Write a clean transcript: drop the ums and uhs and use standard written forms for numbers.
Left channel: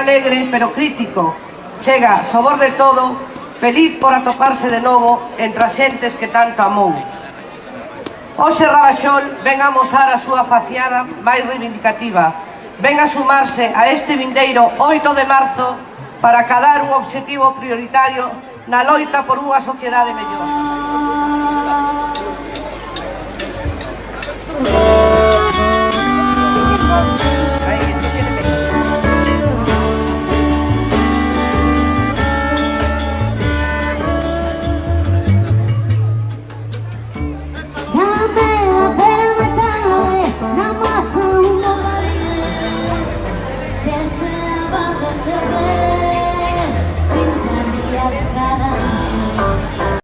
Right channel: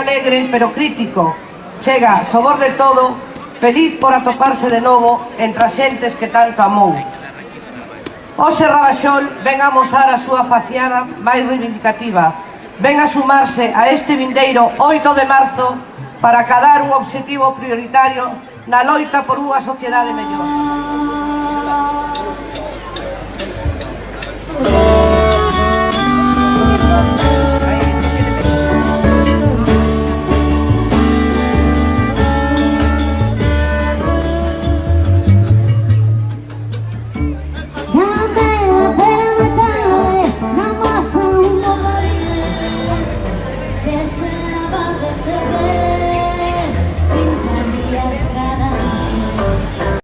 alegre pero crítico. Chega, sobor de todo, feliz por atoparse de novo entre as xentes que tanto amou. Hoxe Rabaxón ven a amosar a súa faciada máis reivindicativa, ven a sumarse a este vindeiro 8 de marzo para acadar un obxectivo prioritario na loita por unha sociedade mellor.